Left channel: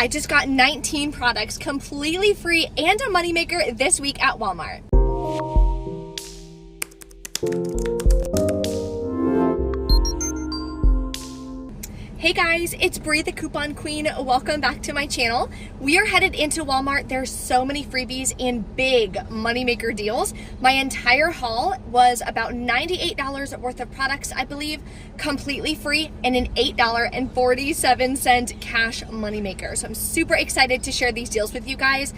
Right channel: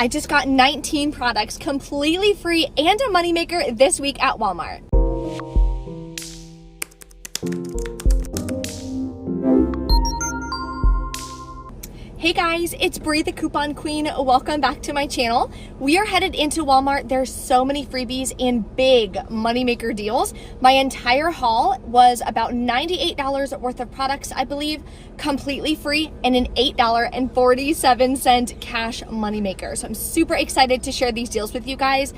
I just got 19 products completely free and a moneymaker this week at Walmart. Hey guys, it's Bree, the Coupon Queen. Welcome back to my channel. We are headed into Walmart. There's so many freebies and big moneymaker deals. My entire haul was about $98 worth of products, I believe, completely free, and an $8.47 cash moneymaker. So I'm super excited to share these deals with you guys.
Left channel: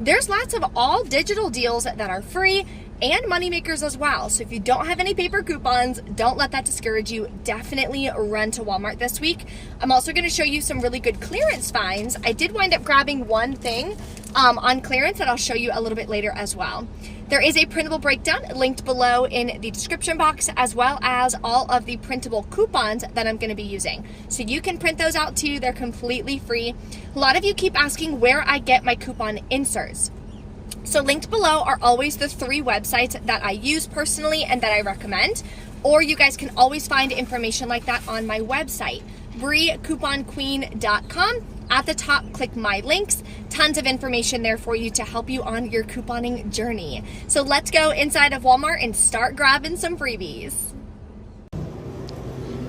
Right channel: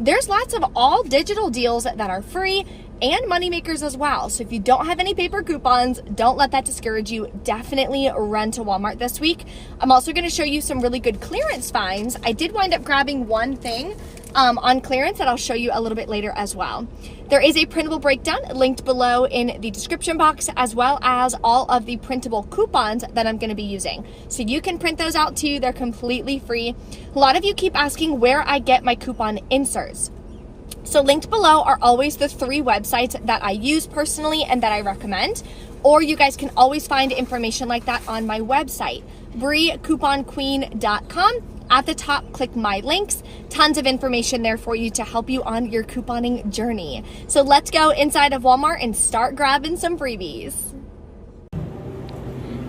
There's lots of all digital deals that are free and moneymakers as well. So if you don't have any paper coupons, don't let that discourage you. Definitely run to Walmart this week. I'm also gonna show you some really good clearance finds. I did wind up grabbing one thing on clearance that I'll show you a little bit later as well. There is a printable breakdown linked below in the description box, as well as all of the printable coupons that I'm gonna be using. So you can print those out too, they're completely free. A lot of you keep asking where I get my coupon inserts. So linked below are always the 3 websites that I use personally and that I recommend, or you guys can always find information like that on my website, breecouponqueen.com. At the top, click my links. Tons of information there for you to help you on your couponing journey. So let's go inside of Walmart and start grabbing some freebies.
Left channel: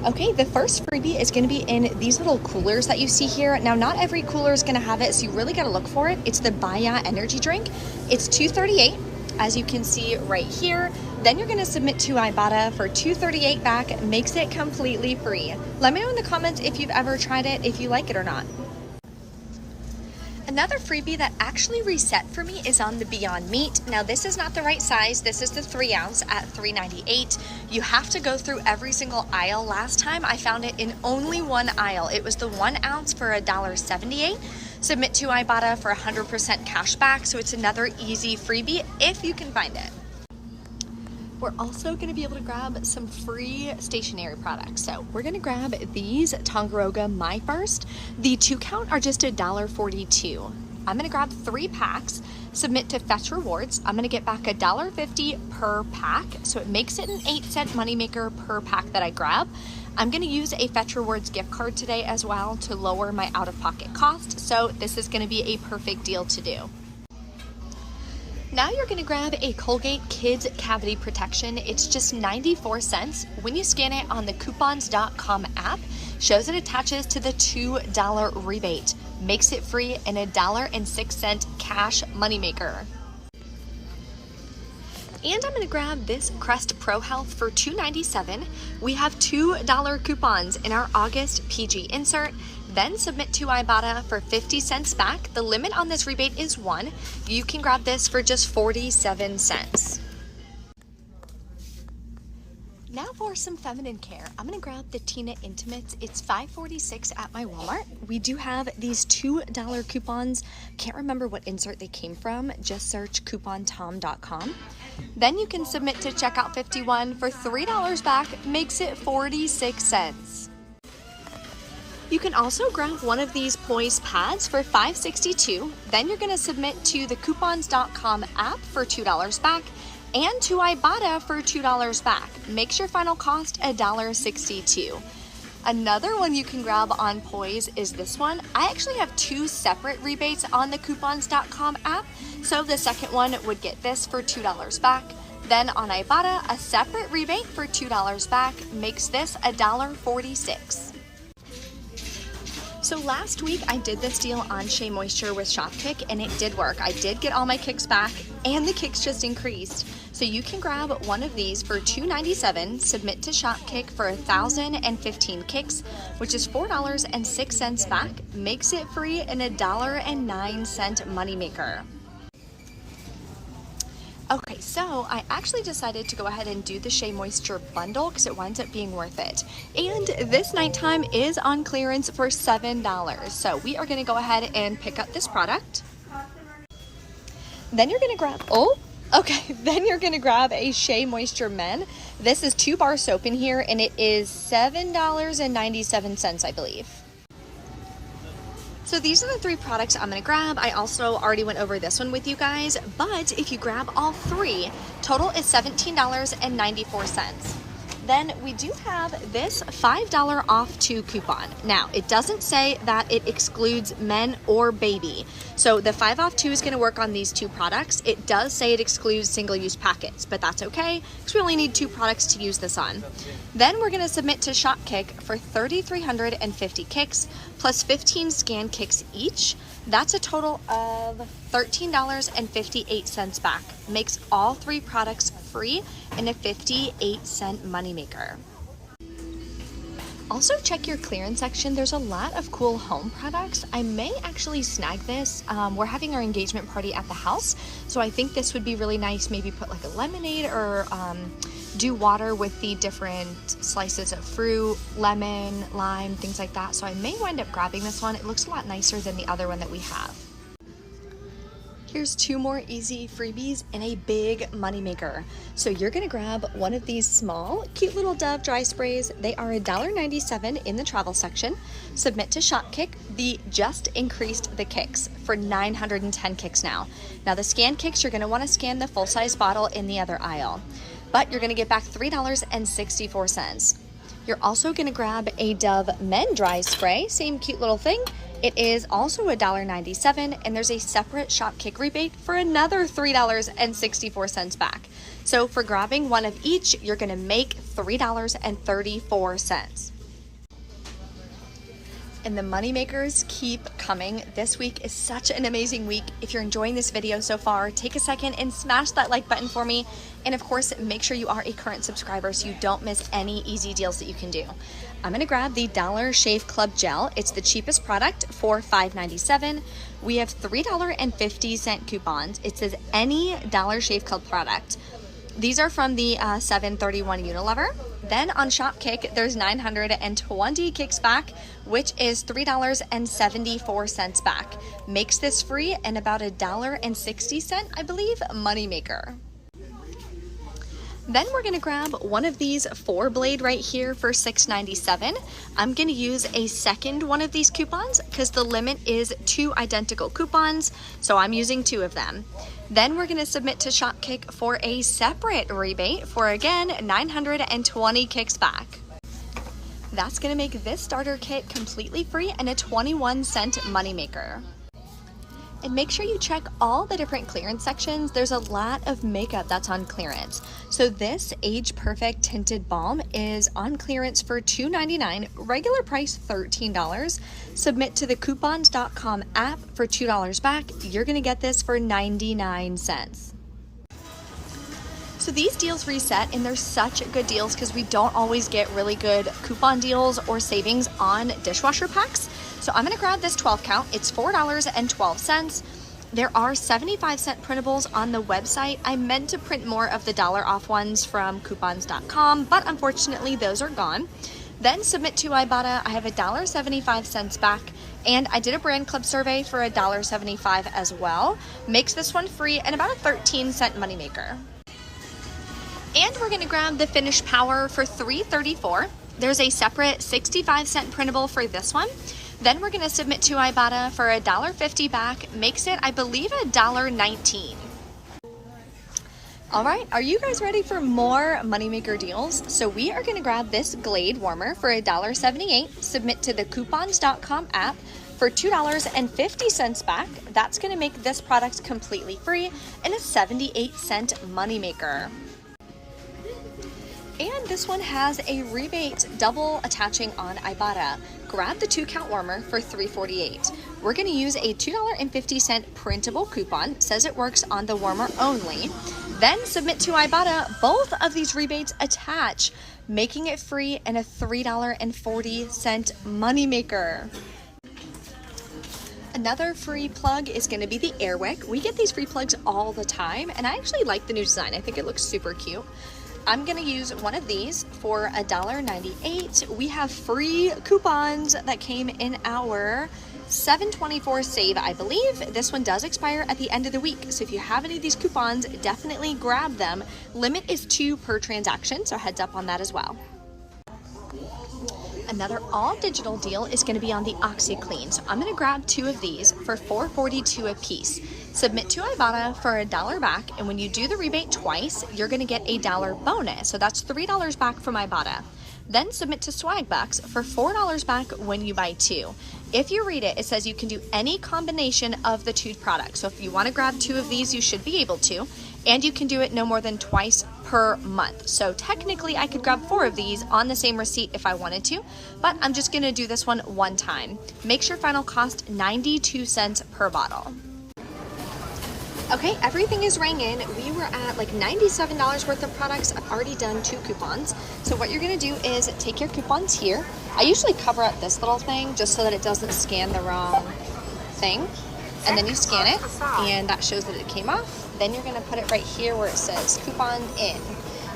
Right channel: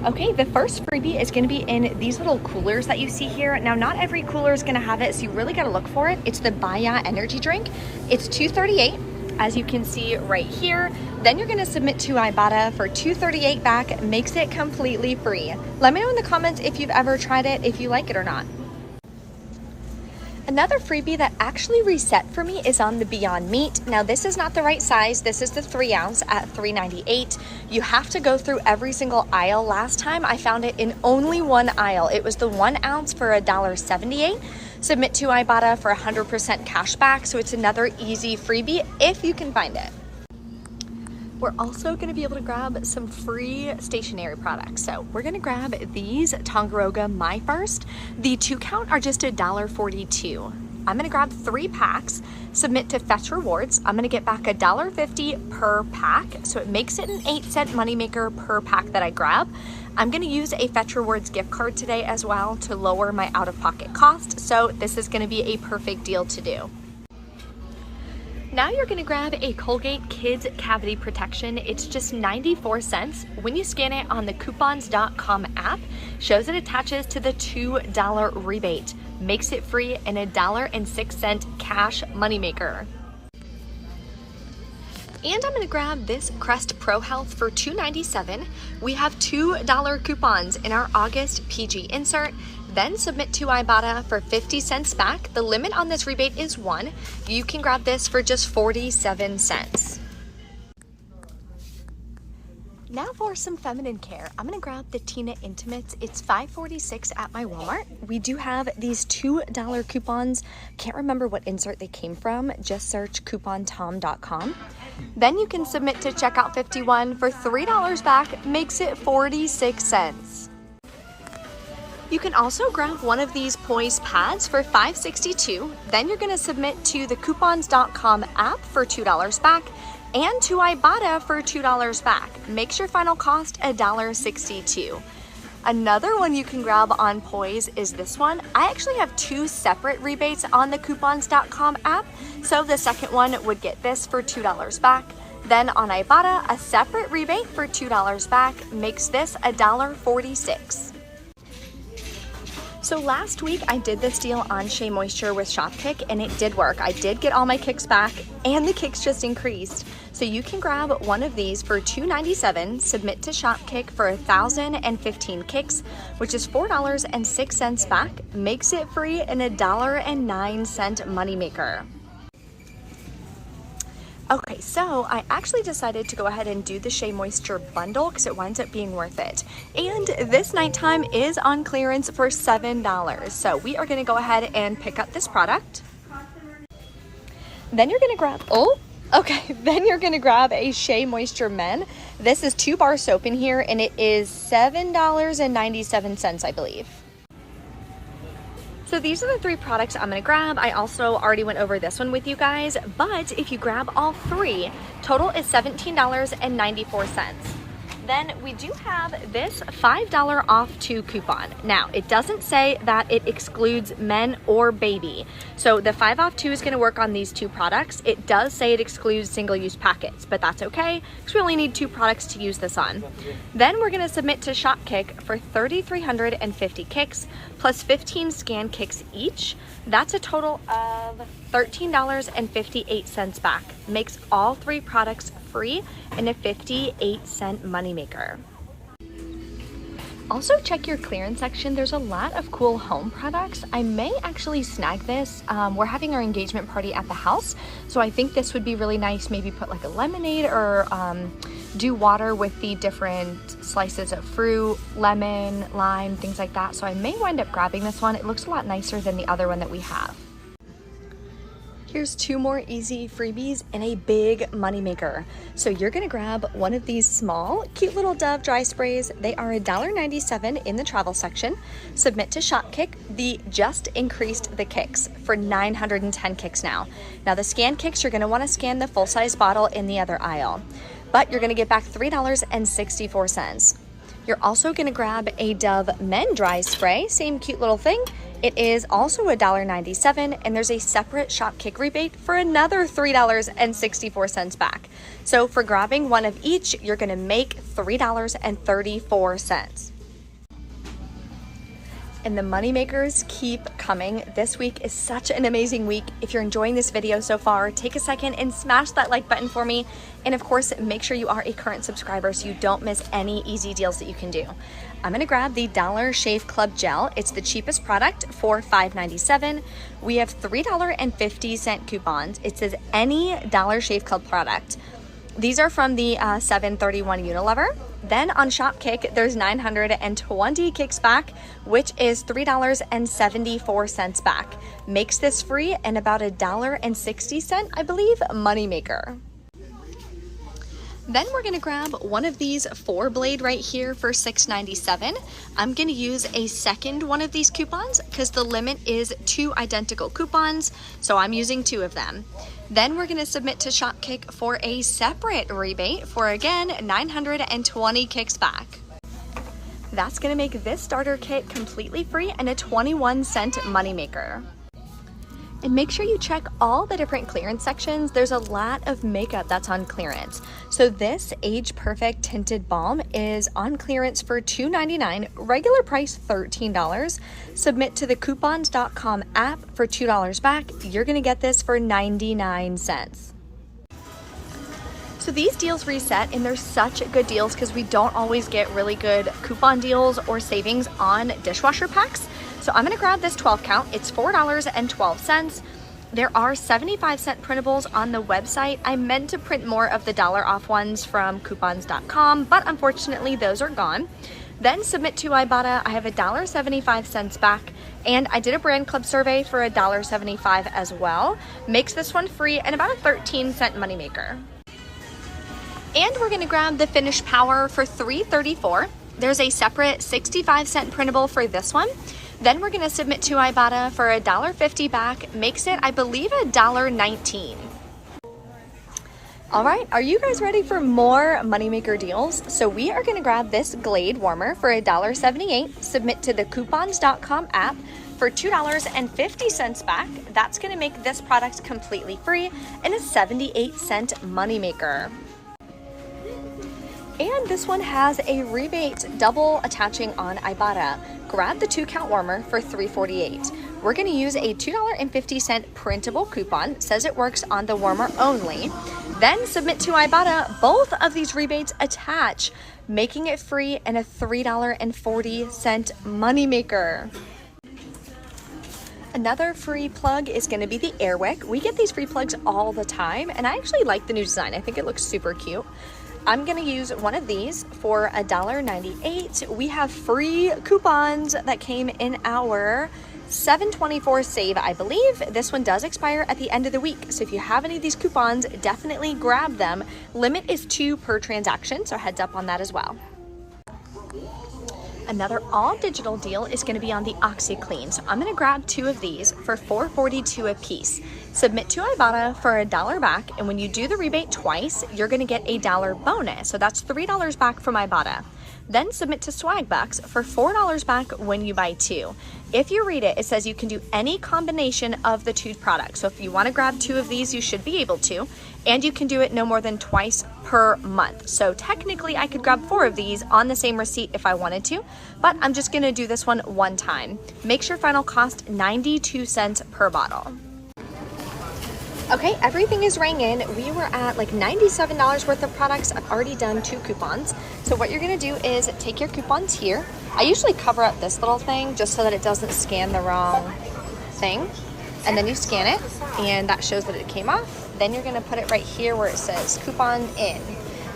Okay, the first freebie is gonna be in these little coolers that you see here. Now, not every cooler is gonna have it, so you really gotta look for it. It's the Baya energy drink. It's $2.38, as you can see right here. Then you're gonna submit to Ibotta for $2.38 back, makes it completely free. Let me know in the comments if you've ever tried it, if you like it or not. Another freebie that actually reset for me is on the Beyond Meat. Now, this is not the right size. This is the 3 ounce at $3.98. You have to go through every single aisle. Last time I found it in only one aisle. It was the 1 ounce for $1.78. Submit to Ibotta for 100% cash back. So it's another easy freebie if you can find it. We're also gonna be able to grab some free stationery products. So we're gonna grab these Tongaroga My First. The 2 count are just $1.42. I'm gonna grab 3 packs, submit to Fetch Rewards. I'm gonna get back $1.50 per pack. So it makes it an 8-cent moneymaker per pack that I grab. I'm gonna use a Fetch Rewards gift card today as well to lower my out-of-pocket cost. So this is gonna be a perfect deal to do. Now you're gonna grab a Colgate Kids Cavity Protection. It's just 94 cents. When you scan it on the coupons.com app, shows it attaches to the $2 rebate. Makes it free and $1.06 cash moneymaker. And I'm gonna grab this Crest Pro Health for $2.97. We have $2 coupons in our August PG insert. Then submit to Ibotta for 50 cents back. The limit on this rebate is 1. You can grab this for just 47 cents. Now for some feminine care, I'm gonna grab the Tina Intimates. It's $5.46 at my Walmart. We do have these $2 coupons. Can't remember what insert they came from. Just search coupontom.com. Then you can submit to checkout 51 for $3 back, makes it 46 cents. You can also grab one of these Poise pads for $5.62. Then you're gonna submit to the coupons.com app for $2 back and to Ibotta for $2 back. Makes your final cost $1.62. Another one you can grab on Poise is this one. I actually have 2 separate rebates on the coupons.com app. So the second one would get this for $2 back. Then on Ibotta, a separate rebate for $2 back makes this $1.46. So last week I did this deal on Shea Moisture with Shopkick and it did work. I did get all my kicks back and the kicks just increased. So you can grab one of these for $2.97, submit to Shopkick for 1,015 kicks, which is $4.06 back, makes it free and $1.09 moneymaker. Okay, so I actually decided to go ahead and do the Shea Moisture bundle because it winds up being worth it. And this nighttime is on clearance for $7. So we are gonna go ahead and pick up this product. Then you're gonna grab, then you're gonna grab a Shea Moisture Men. This is 2 bar soap in here and it is $7.97, I believe. So these are the 3 products I'm gonna grab. I also already went over this one with you guys, but if you grab all 3, total is $17.94. Then we do have this $5 off 2 coupon. Now, it doesn't say that it excludes men or baby. So the 5 off 2 is gonna work on these 2 products. It does say it excludes single-use packets, but that's okay, because we only need 2 products to use this on. Then we're gonna submit to Shopkick for 3,350 kicks, plus 15 scan kicks each. That's a total of $13.58 back. Makes all 3 products free and a 58-cent moneymaker. Also check your clearance section. There's a lot of cool home products. I may actually snag this. We're having our engagement party at the house, so I think this would be really nice. Maybe put like a lemonade or do water with the different slices of fruit, lemon, lime, things like that. So I may wind up grabbing this one. It looks a lot nicer than the other one that we have. Here's 2 more easy freebies and a big moneymaker. So you're gonna grab one of these small, cute little Dove dry sprays. They are $1.97 in the travel section. Submit to Shopkick. The just increased the kicks for 910 kicks now. Now the scan kicks, you're gonna wanna scan the full-size bottle in the other aisle, but you're gonna get back $3.64. You're also gonna grab a Dove Men Dry Spray, same cute little thing. It is also $1.97, and there's a separate Shopkick rebate for another $3.64 back. So for grabbing one of each, you're gonna make $3.34. And the money makers keep coming. This week is such an amazing week. If you're enjoying this video so far, take a second and smash that like button for me. And of course, make sure you are a current subscriber so you don't miss any easy deals that you can do. I'm gonna grab the Dollar Shave Club Gel. It's the cheapest product for $5.97. We have $3.50 coupons. It says any Dollar Shave Club product. These are from the 731 Unilever. Then on Shopkick, there's 920 kicks back, which is $3.74 back. Makes this free and about $1.60, I believe, moneymaker. Then we're gonna grab one of these 4-blade right here for $6.97. I'm gonna use a second one of these coupons because the limit is 2 identical coupons, so I'm using 2 of them. Then we're gonna submit to Shopkick for a separate rebate for, again, 920 kicks back. That's gonna make this starter kit completely free and a 21-cent moneymaker. And make sure you check all the different clearance sections. There's a lot of makeup that's on clearance. So this Age Perfect Tinted Balm is on clearance for $2.99, regular price $13. Submit to the coupons.com app for $2 back. You're gonna get this for 99 cents. So these deals reset, and they're such good deals because we don't always get really good coupon deals or savings on dishwasher packs. So I'm gonna grab this 12 count. It's $4.12. There are 75-cent printables on the website. I meant to print more of the dollar off ones from coupons.com, but unfortunately those are gone. Then submit to Ibotta. I have $1.75 back, and I did a brand club survey for $1.75 as well. Makes this one free and about a 13-cent moneymaker. And we're gonna grab the Finish Power for $3.34. There's a separate 65-cent printable for this one. Then we're gonna submit to Ibotta for $1.50 back. Makes it, I believe, $1.19. All right, are you guys ready for more moneymaker deals? So we are gonna grab this Glade warmer for $1.78. Submit to the coupons.com app for $2.50 back. That's gonna make this product completely free and a 78-cent moneymaker. And this one has a rebate double attaching on Ibotta. Grab the 2-count warmer for $3.48. We're gonna use a $2.50 printable coupon. Says it works on the warmer only. Then submit to Ibotta. Both of these rebates attach, making it free and a $3.40 moneymaker. Another free plug is gonna be the Airwick. We get these free plugs all the time, and I actually like the new design. I think it looks super cute. I'm gonna use one of these for $1.98. We have free coupons that came in our 7/24 save, I believe. This one does expire at the end of the week. So if you have any of these coupons, definitely grab them. Limit is 2 per transaction, so heads up on that as well. Another all digital deal is gonna be on the OxyClean. So I'm gonna grab 2 of these for $4.42 a piece. Submit to Ibotta for $1 back, and when you do the rebate twice, you're gonna get a $1 bonus. So that's $3 back from Ibotta. Then submit to Swagbucks for $4 back when you buy 2. If you read it, it says you can do any combination of the 2 products. So if you wanna grab 2 of these, you should be able to, and you can do it no more than twice per month. So technically I could grab 4 of these on the same receipt if I wanted to, but I'm just gonna do this one time. Makes your final cost 92 cents per bottle. Okay, everything is rang in. We were at like $97 worth of products. I've already done 2 coupons. So what you're gonna do is take your coupons here. I usually cover up this little thing just so that it doesn't scan the wrong thing. And then you scan it, and that shows that it came off. Then you're gonna put it right here where it says coupon in.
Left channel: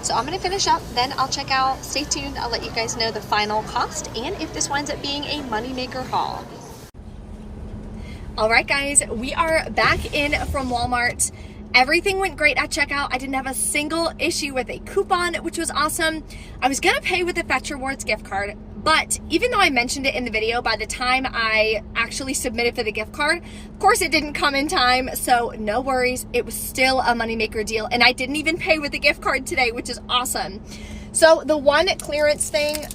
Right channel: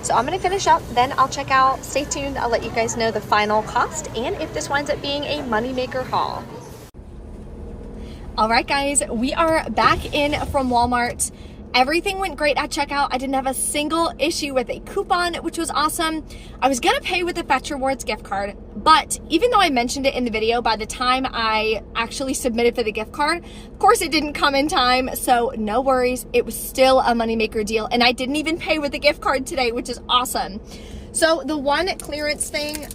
So I'm gonna finish up, then I'll check out. Stay tuned, I'll let you guys know the final cost and if this winds up being a moneymaker haul. All right, guys, we are back in from Walmart. Everything went great at checkout. I didn't have a single issue with a coupon, which was awesome. I was gonna pay with the Fetch Rewards gift card, but even though I mentioned it in the video, by the time I actually submitted for the gift card, of course it didn't come in time, so no worries. It was still a moneymaker deal, and I didn't even pay with the gift card today, which is awesome. So the one clearance thing,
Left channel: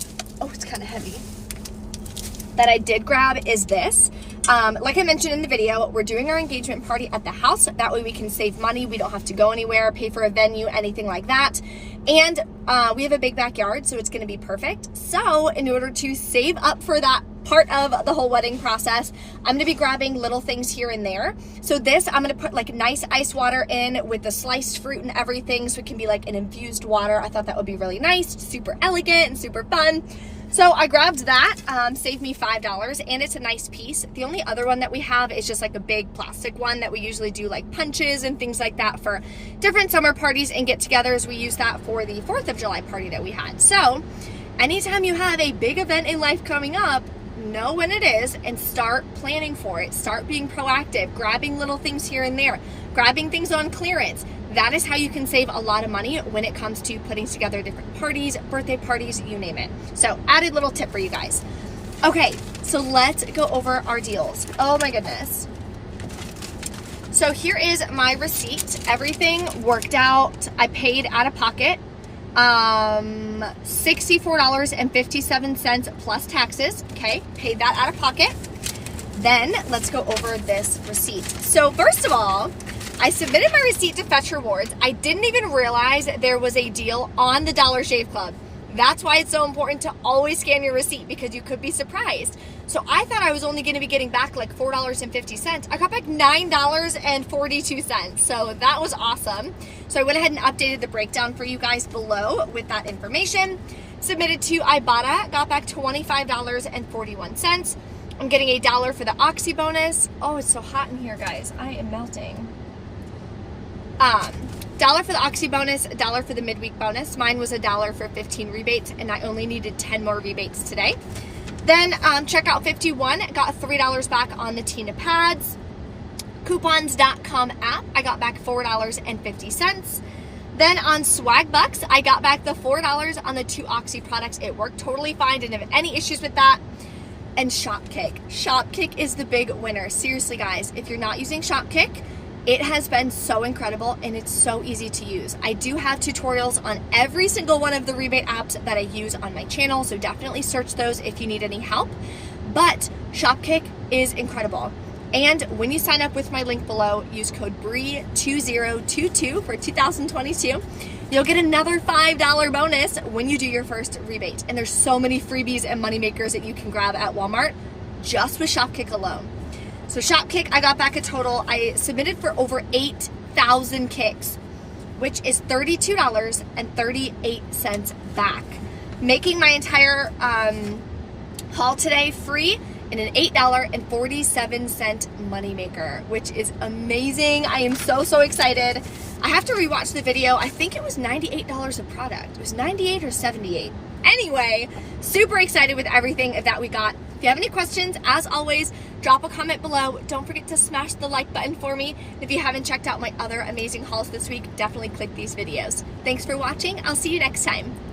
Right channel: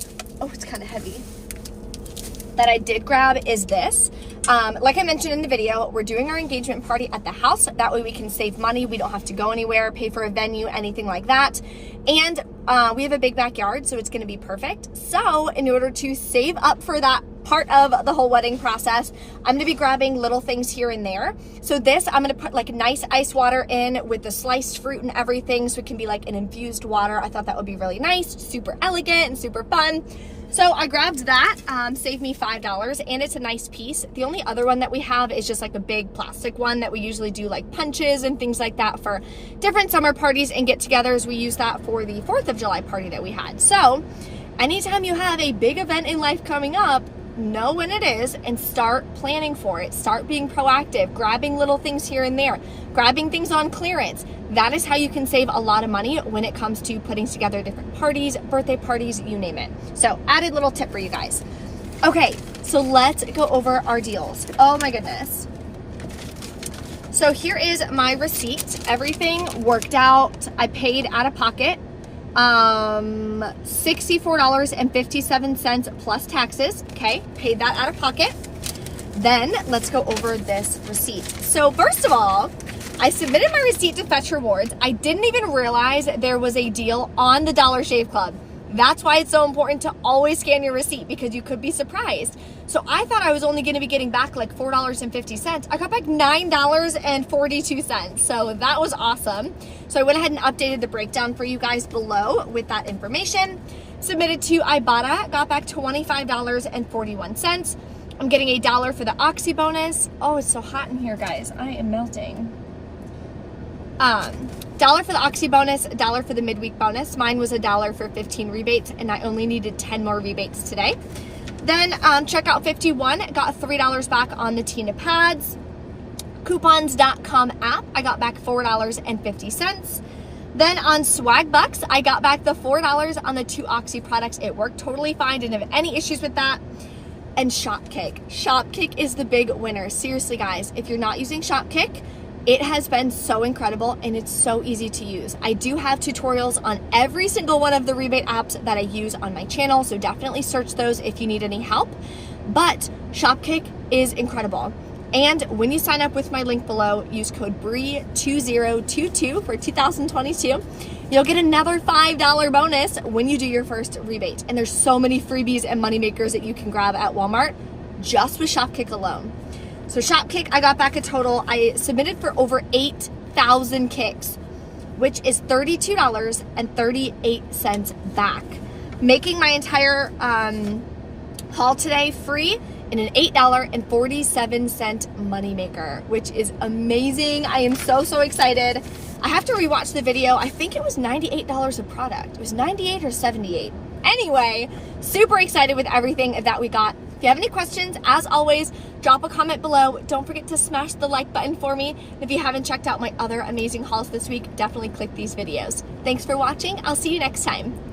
oh, it's kind of heavy, that I did grab is this. Like I mentioned in the video, we're doing our engagement party at the house. That way we can save money. We don't have to go anywhere, pay for a venue, anything like that. And we have a big backyard, so it's gonna be perfect. So in order to save up for that part of the whole wedding process, I'm gonna be grabbing little things here and there. So this, I'm gonna put like nice ice water in with the sliced fruit and everything, so it can be like an infused water. I thought that would be really nice, super elegant and super fun. So I grabbed that, saved me $5, and it's a nice piece. The only other one that we have is just like a big plastic one that we usually do like punches and things like that for different summer parties and get-togethers. We use that for the 4th of July party that we had. So anytime you have a big event in life coming up, know when it is and start planning for it. Start being proactive, grabbing little things here and there, grabbing things on clearance. That is how you can save a lot of money when it comes to putting together different parties, birthday parties, you name it. So added little tip for you guys. Okay, so let's go over our deals. Oh my goodness. So here is my receipt. Everything worked out. I paid out of pocket $64.57 plus taxes. Okay, paid that out of pocket. Then let's go over this receipt. So first of all, I submitted my receipt to Fetch Rewards. I didn't even realize there was a deal on the Dollar Shave Club. That's why it's so important to always scan your receipt, because you could be surprised. So I thought I was only gonna be getting back like $4.50. I got back $9.42. So that was awesome. So I went ahead and updated the breakdown for you guys below with that information. Submitted to Ibotta, got back $25.41. I'm getting $1 for the Oxy bonus. Oh, it's so hot in here, guys. I am melting. $1 for the Oxy bonus, $1 for the midweek bonus. Mine was $1 for 15 rebates, and I only needed 10 more rebates today. Then checkout 51, got $3 back on the Tina pads. Coupons.com app, I got back $4.50. Then on Swagbucks, I got back the $4 on the 2 Oxy products. It worked totally fine, didn't have any issues with that. And Shopkick. Shopkick is the big winner. Seriously, guys, if you're not using Shopkick, it has been so incredible and it's so easy to use. I do have tutorials on every single one of the rebate apps that I use on my channel, so definitely search those if you need any help. But Shopkick is incredible. And when you sign up with my link below, use code BREE2022 for 2022. You'll get another $5 bonus when you do your first rebate. And there's so many freebies and moneymakers that you can grab at Walmart just with Shopkick alone. So Shopkick, I got back a total, I submitted for over 8,000 kicks, which is $32.38 back, making my entire haul today free and an $8.47 moneymaker, which is amazing. I am so, so excited. I have to rewatch the video. I think it was $98 a product. It was 98 or 78. Anyway, super excited with everything that we got. If you have any questions, as always, drop a comment below. Don't forget to smash the like button for me. If you haven't checked out my other amazing hauls this week, definitely click these videos. Thanks for watching. I'll see you next time.